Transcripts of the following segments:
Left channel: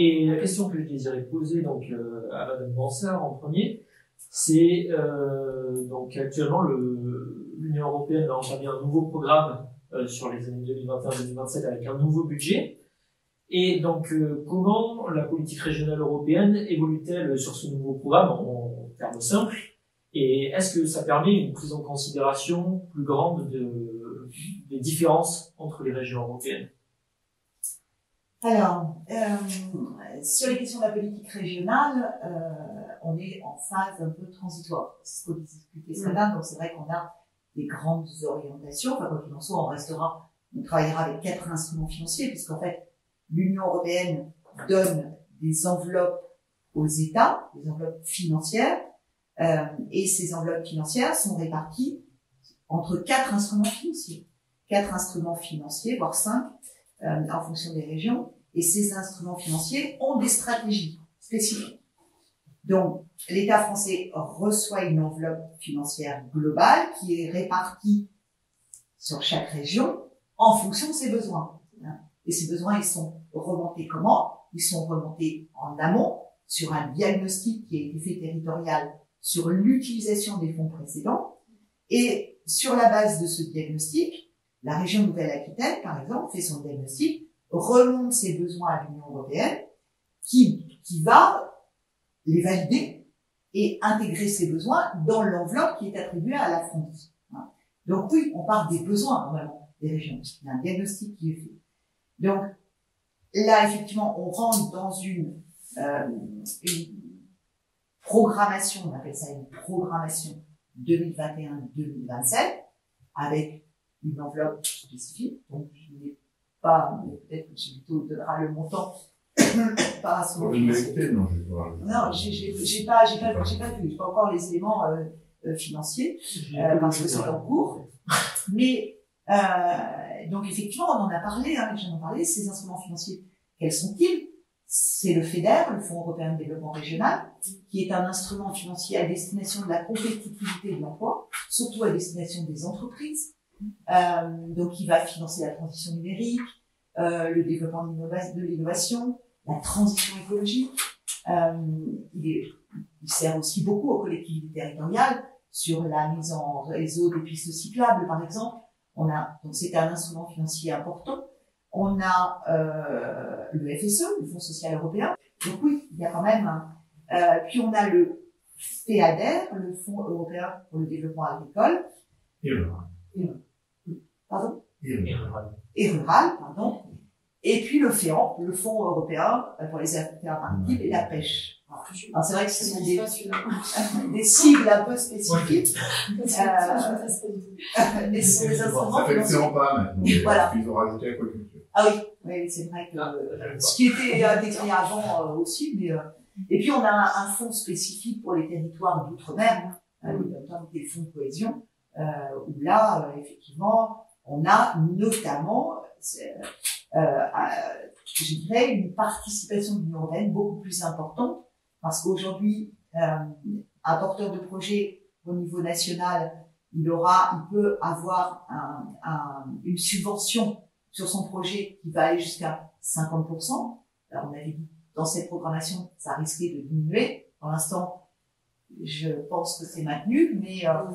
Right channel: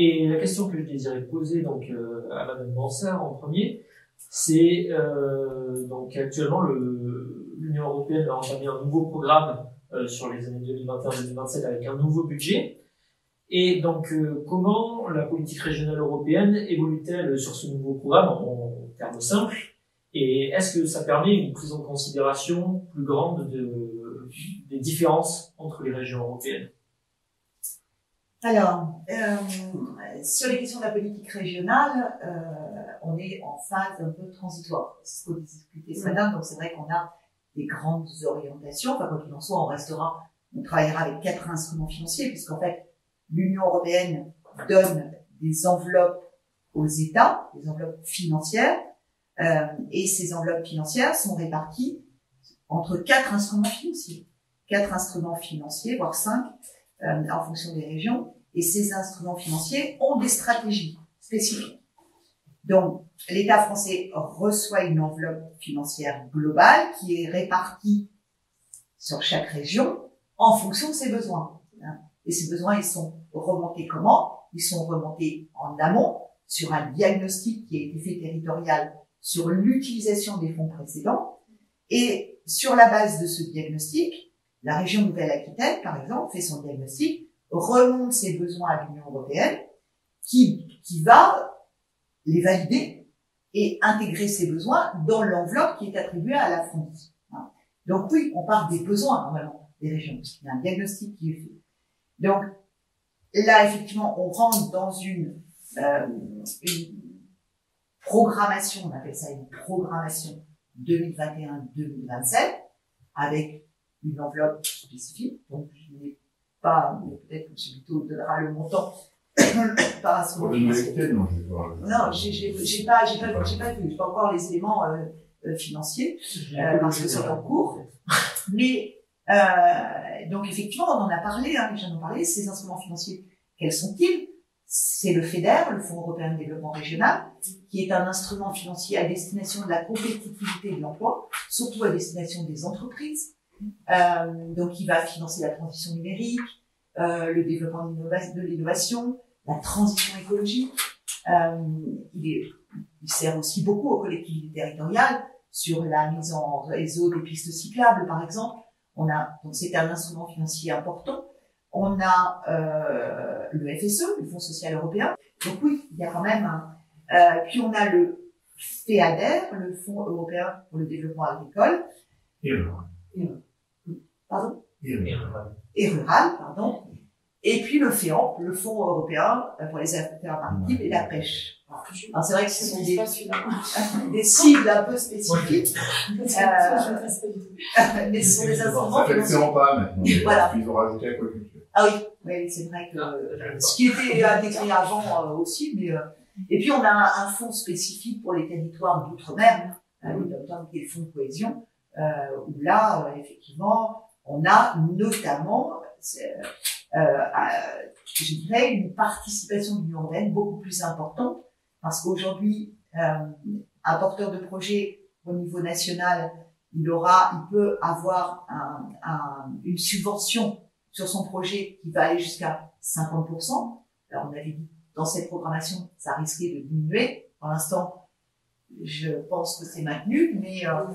Et la question que je désirais poser donc à Madame Bansard en premier, c'est donc actuellement l'Union européenne va entamer un nouveau programme sur les années 2021-2027 avec un nouveau budget. Et donc comment la politique régionale européenne évolue-t-elle sur ce nouveau programme en termes simples? Et est-ce que ça permet une prise en considération plus grande des différences entre les régions européennes? Alors, sur les questions de la politique régionale, on est en phase un peu transitoire. C'est ce qu'on discutait ce matin, donc c'est vrai qu'on a des grandes orientations. Enfin, quoi qu'il en soit, on travaillera avec 4 instruments financiers, puisqu'en fait, l'Union européenne donne des enveloppes aux États, des enveloppes financières, et ces enveloppes financières sont réparties entre 4 instruments financiers. 4 instruments financiers, voire 5, en fonction des régions, et ces instruments financiers ont des stratégies spécifiques. Donc, l'État français reçoit une enveloppe financière globale qui est répartie sur chaque région en fonction de ses besoins. Et ces besoins, ils sont remontés comment? Ils sont remontés en amont sur un diagnostic qui a été fait territorial sur l'utilisation des fonds précédents, et sur la base de ce diagnostic, la région Nouvelle-Aquitaine, par exemple, fait son diagnostic, remonte ses besoins à l'Union européenne, qui va les valider et intégrer ces besoins dans l'enveloppe qui est attribuée à la France. Donc oui, on part des besoins, normalement, des régions. Il y a un diagnostic qui est fait. Donc là, effectivement, on rentre dans une programmation, on appelle ça une programmation 2021-2027, avec une enveloppe spécifique, donc je n'ai pas, mais peut-être que M. Buteau donnera le montant par rapport pour l'université, non, je vais voir. Non, j'ai pas encore les éléments financiers, parce que c'est en cours. Mais, donc effectivement, on en a parlé, les gens en ont parlé, ces instruments financiers, quels sont-ils? C'est le FEDER, le Fonds européen de développement régional, qui est un instrument financier à destination de la compétitivité de l'emploi, surtout à destination des entreprises. Donc, il va financer la transition numérique, le développement de l'innovation, la transition écologique. Il sert aussi beaucoup aux collectivités territoriales sur la mise en réseau des pistes cyclables, par exemple. Donc c'est un instrument financier important. On a le FSE, le Fonds social européen. Donc oui, il y a quand même puis on a le FEADER, le Fonds européen pour le développement agricole. Et rural, pardon. Et puis le FEAMP, le Fonds européen pour les affaires maritimes et la pêche. Alors c'est vrai que ce sont des cibles un peu spécifiques. Mais ce sont des instruments. Ça fait excellent pas maintenant. Voilà. Ils ont rajouté aquaculture. Ah oui, c'est vrai que ce qui était décrit avant aussi, mais et puis on a un fonds spécifique pour les territoires d'outre-mer, qui est le fonds de cohésion, où là, effectivement, on a notamment, je dirais, une participation de l'Union européenne beaucoup plus importante, parce qu'aujourd'hui, un porteur de projet au niveau national, il peut avoir une subvention sur son projet qui va aller jusqu'à 50%. Alors on avait dit dans cette programmation, ça risquait de diminuer. Pour l'instant, je pense que c'est maintenu, mais un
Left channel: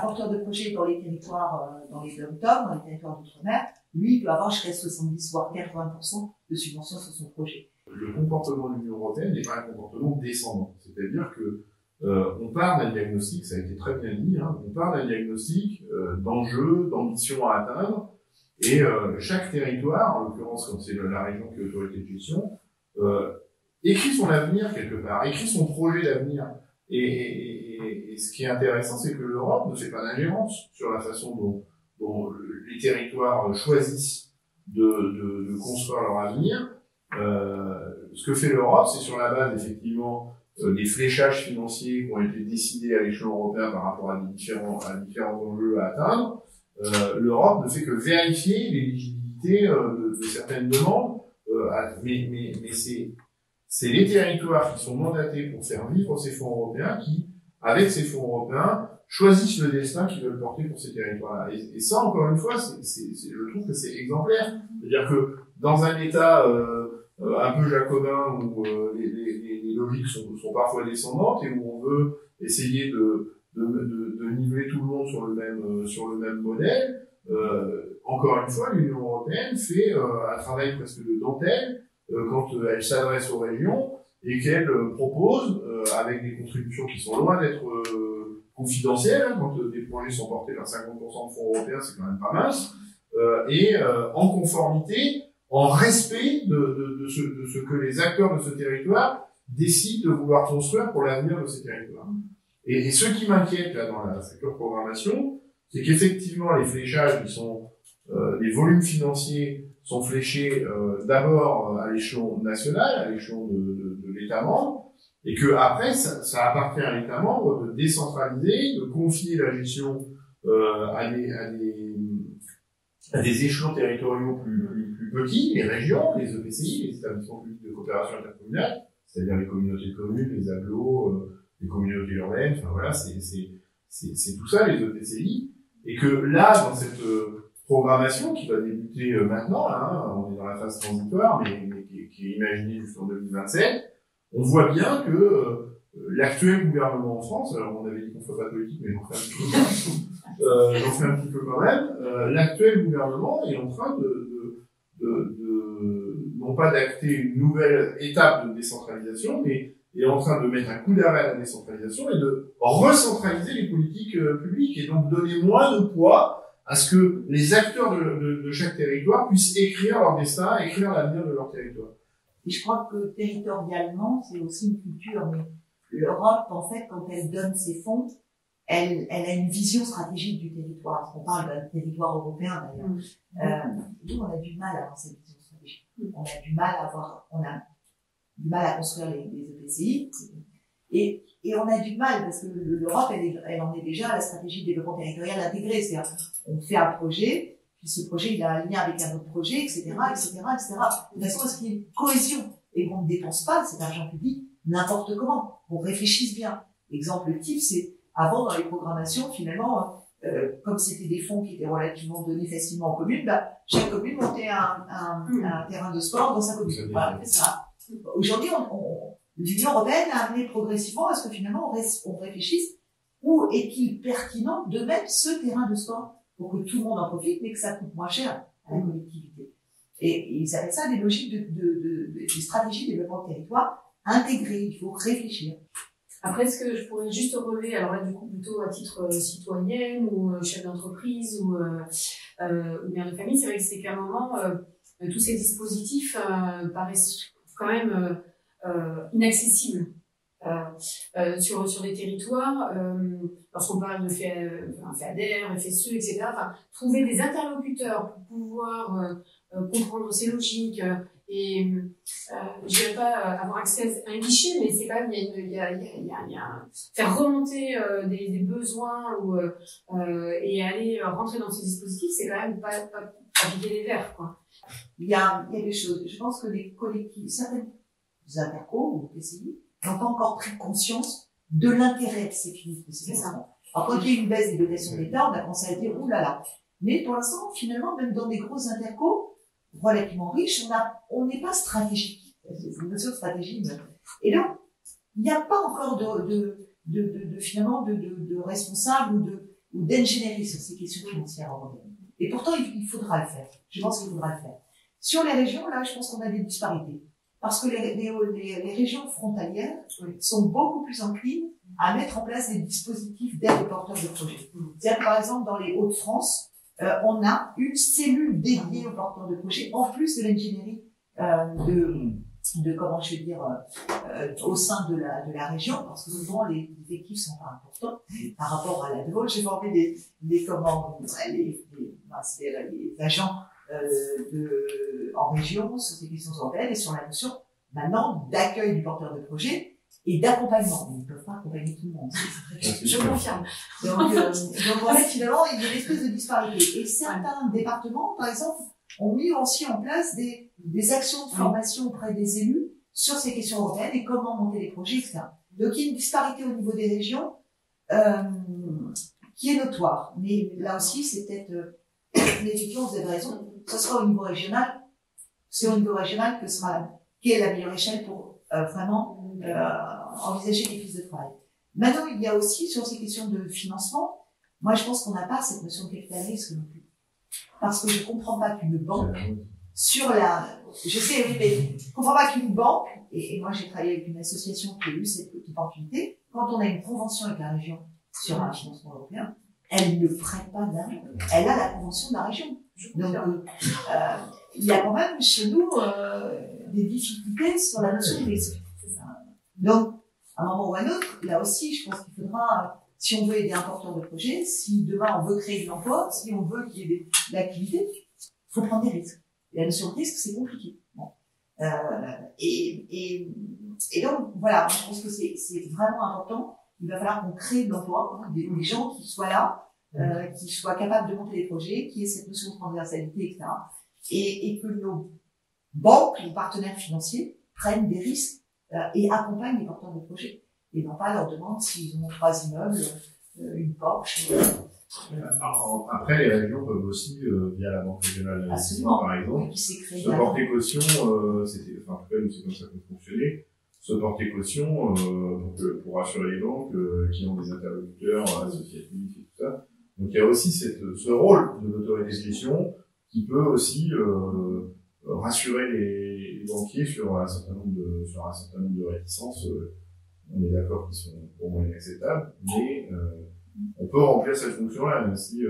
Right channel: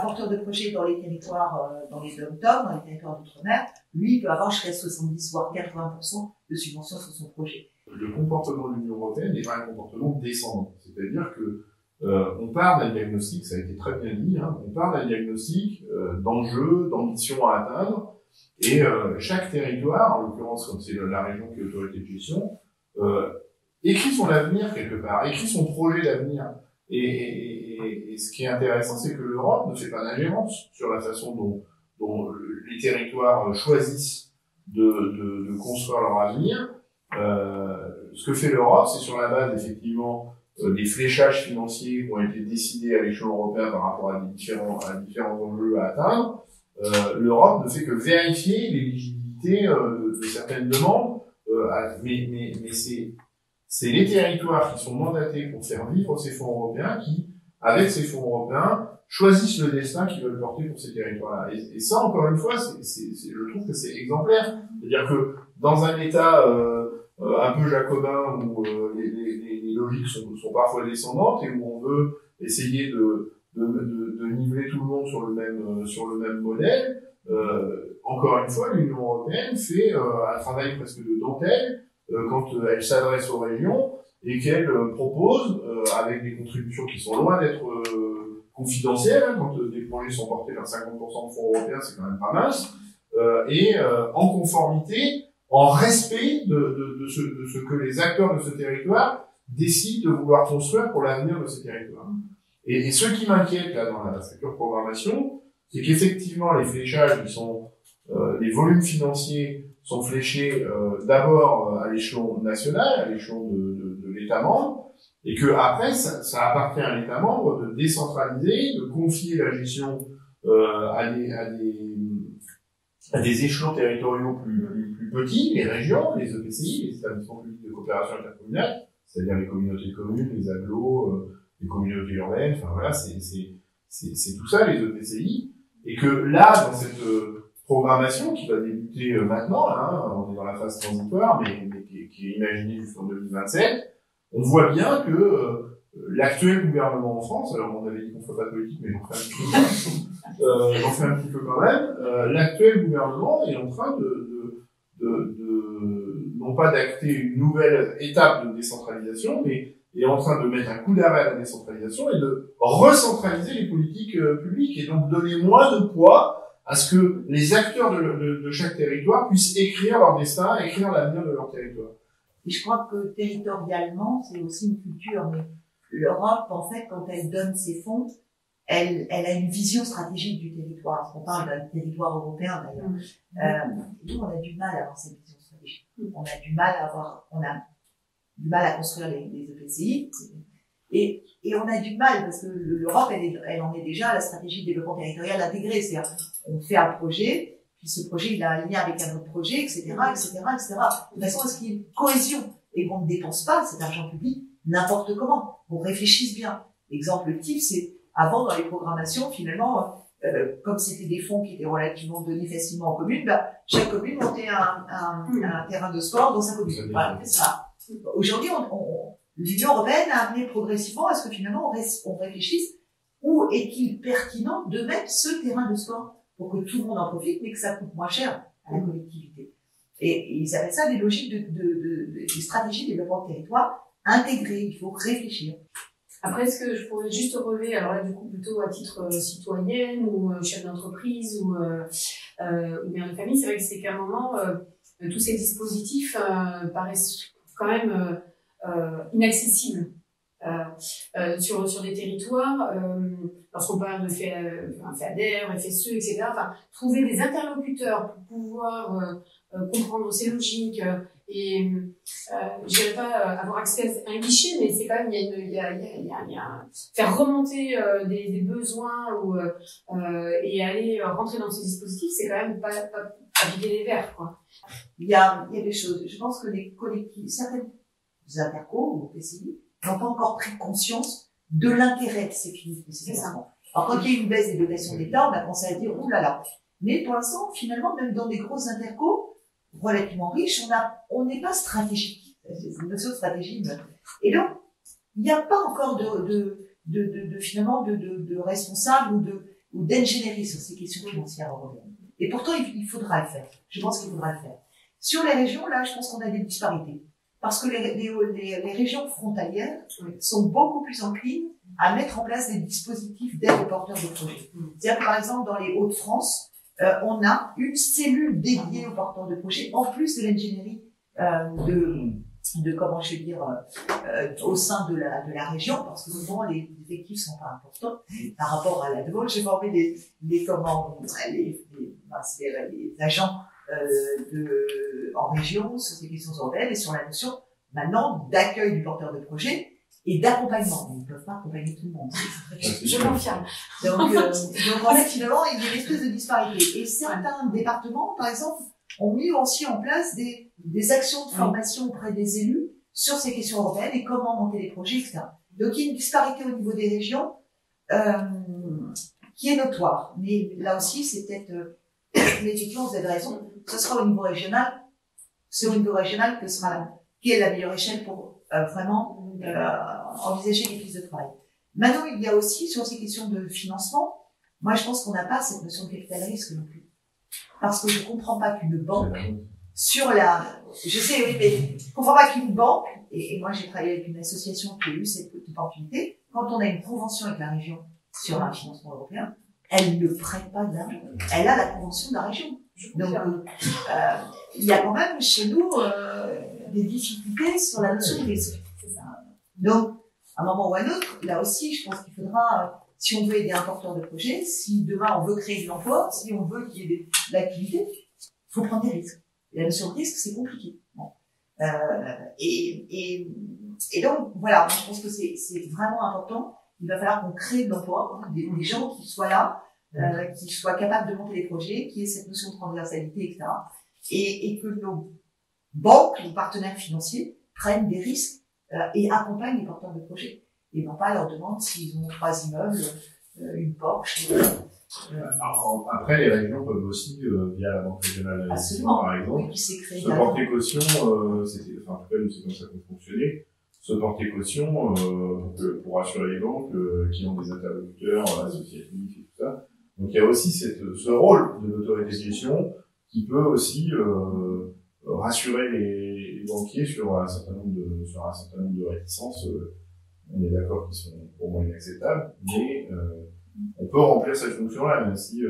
porteur de projet dans les territoires, dans les dom-tom, dans les territoires d'outre-mer, lui, il peut avoir jusqu'à 70 voire 80% de subvention sur son projet. Le comportement de l'Union européenne n'est pas un comportement descendant. C'est-à-dire que on part d'un diagnostic, ça a été très bien dit, on part d'un diagnostic d'enjeux, d'ambitions à atteindre, et chaque territoire, en l'occurrence comme c'est la région qui est l'autorité de gestion, écrit son avenir quelque part, écrit son projet d'avenir. Et ce qui est intéressant, c'est que l'Europe ne fait pas d'ingérence sur la façon dont les territoires choisissent de construire leur avenir. Ce que fait l'Europe, c'est sur la base effectivement des fléchages financiers qui ont été décidés à l'échelon européen par rapport à différents enjeux à atteindre. L'Europe ne fait que vérifier l'éligibilité de certaines demandes, mais c'est les territoires qui sont mandatés pour faire vivre ces fonds européens qui, avec ces fonds européens, choisissent le destin qu'ils veulent porter pour ces territoires-là. Et ça, encore une fois, je trouve que c'est exemplaire. C'est-à-dire que dans un État un peu jacobin où les logiques sont parfois descendantes et où on veut essayer de niveler tout le monde sur le même modèle, encore une fois, l'Union européenne fait un travail presque de dentelle quand elle s'adresse aux régions et qu'elle propose, avec des contributions qui sont loin d'être confidentielles, hein, quand des projets sont portés vers 50% de fonds européens, c'est quand même pas mince, et en conformité, en respect de ce que les acteurs de ce territoire décident de vouloir construire pour l'avenir de ces territoires. Et ce qui m'inquiète là dans la future programmation, c'est qu'effectivement les fléchages les volumes financiers sont fléchés d'abord à l'échelon national, à l'échelon de l'État membre, et que après ça appartient à l'État membre de décentraliser, de confier la gestion à des échelons territoriaux plus petits, les régions, les EPCI, les établissements publics de coopération intercommunale, c'est-à-dire les communautés de communes, les agglos, les communautés urbaines, enfin voilà, c'est tout ça, les EPCI, et que là, dans cette programmation qui va débuter maintenant, hein, on est dans la phase transitoire, mais qui est imaginée jusqu'en 2027, on voit bien que l'actuel gouvernement en France, alors on avait dit qu'on ferait pas de politique, mais j'en fais un petit peu quand même, l'actuel gouvernement est en train non pas d'acter une nouvelle étape de décentralisation, mais est en train de mettre un coup d'arrêt à la décentralisation et de recentraliser les politiques publiques et donc donner moins de poids à ce que les acteurs de chaque territoire puissent écrire leur destin, écrire l'avenir de leur territoire. Et je crois que territorialement, c'est aussi une culture, mais l'Europe, en fait, quand elle donne ses fonds, elle a une vision stratégique du territoire. On parle d'un territoire européen d'ailleurs. Nous, on a du mal à avoir cette vision stratégique. On a du mal à construire les EPCI. Et on a du mal, parce que l'Europe, elle en est déjà à la stratégie de développement territorial intégrée. C'est-à-dire, on fait un projet, puis ce projet, il a un lien avec un autre projet, etc., etc., etc. De façon à ce qu'il y ait une cohésion. Et qu'on ne dépense pas cet argent public n'importe comment. On réfléchisse bien. Exemple type, c'est avant, dans les programmations, finalement, comme c'était des fonds qui étaient relativement donnés facilement aux communes, chaque commune montait un terrain de sport dans sa commune. Voilà, c'est ça. Aujourd'hui, l'Union européenne a amené progressivement à ce que finalement on réfléchisse où est-il pertinent de mettre ce terrain de sport pour que tout le monde en profite, mais que ça coûte moins cher à la collectivité. Et ils appellent ça des logiques des stratégies de développement de territoire intégrées. Il faut réfléchir. Après, ce que je pourrais juste relever, alors là, du coup, plutôt à titre citoyenne ou chef d'entreprise ou mère de famille, c'est vrai que c'est qu'à un moment, tous ces dispositifs paraissent quand même inaccessibles sur des territoires. Lorsqu'on parle de FEADER, FSE, etc., enfin, trouver des interlocuteurs pour pouvoir comprendre ces logiques et je dirais pas avoir accès à un guichet, mais c'est quand même il y a faire remonter des besoins et aller rentrer dans ces dispositifs, c'est quand même pas appliquer des verres, quoi. Il y a des choses. Je pense que les collectivités, certaines intercos ou PCI n'ont pas encore pris conscience de l'intérêt de ces financements. Alors quand il y a une baisse des dotations d'État, on a commencé à dire ouh là là. Mais pour l'instant, finalement, même dans des grosses intercos relativement riches, on n'est pas stratégique. C'est une notion de stratégie. Et donc, il n'y a pas encore finalement de responsable ou d'ingénierie sur ces questions financières européennes. Et pourtant, il faudra le faire. Je pense qu'il faudra le faire. Sur les régions, là, je pense qu'on a des disparités. Parce que les régions frontalières sont beaucoup plus enclines à mettre en place des dispositifs d'aide aux porteurs de projets. C'est-à-dire, par exemple, dans les Hauts-de-France, on a une cellule dédiée aux porteurs de projets, en plus de l'ingénierie comment je vais dire, au sein de la région, parce que souvent les effectifs sont pas importants par rapport à la demande. J'ai formé les agents en région, sur ces questions européennes et sur la notion maintenant d'accueil du porteur de projet et d'accompagnement. Ils ne peuvent pas accompagner tout le monde. Je confirme. Donc en fait, finalement, il y a une espèce de disparité. Et certains départements, par exemple, ont mis aussi en place des actions de formation auprès des élus sur ces questions européennes et comment monter les projets, etc. Donc il y a une disparité au niveau des régions qui est notoire. Mais là aussi, c'est peut-être... mais effectivement, vous avez raison, ce sera au niveau régional. C'est au niveau régional que sera qui est la meilleure échelle pour vraiment envisager des pistes de travail. Maintenant, il y a aussi, sur ces questions de financement, moi je pense qu'on n'a pas cette notion de capital risque non plus. Parce que je ne comprends pas qu'une banque, sur la... Je sais, oui, mais je ne comprends pas qu'une banque, et moi j'ai travaillé avec une association qui a eu cette opportunité, quand on a une convention avec la région sur un financement européen, elle ne prête pas d'argent. Elle a la convention de la région. Donc, il y a quand même chez nous des difficultés sur la notion de risque. Donc, à un moment ou à un autre, là aussi, je pense qu'il faudra, si on veut aider un porteur de projet, si demain on veut créer de l'emploi, si on veut qu'il y ait de l'activité, il faut prendre des risques. Et la notion de risque, c'est compliqué. Bon. Et donc, voilà, je pense que c'est vraiment important. Il va falloir qu'on crée de l'emploi, des gens qui soient là, qui soient capables de monter les projets, qui aient cette notion de transversalité, etc. Et que nos banques, nos partenaires financiers, prennent des risques et accompagnent les porteurs de projets. Et non pas leur demandent s'ils ont 3 immeubles, une Porsche. Après, les régions peuvent aussi, via la Banque régionale d'investissement, par exemple, oui, se porter caution, c'était, enfin, en tout cas, c'est comme ça qu'on fonctionnait, se porter caution pour rassurer les banques qui ont des interlocuteurs associatifs et tout ça. Donc il y a aussi ce rôle de l'autorité de gestion qui peut aussi rassurer les banquiers sur un certain nombre de réticences. On est d'accord qui sont pour moi inacceptables, mais on peut remplir cette fonction-là, même si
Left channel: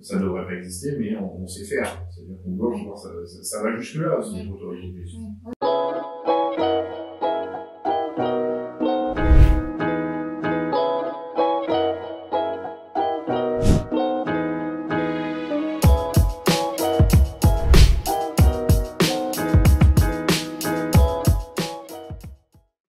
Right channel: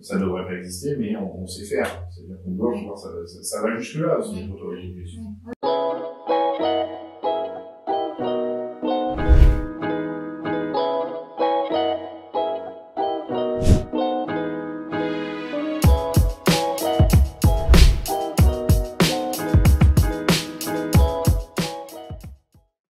ça ne devrait pas exister, mais on sait faire. C'est-à-dire qu'on doit pouvoir, ça va jusque-là, c'est notre autorité de gestion.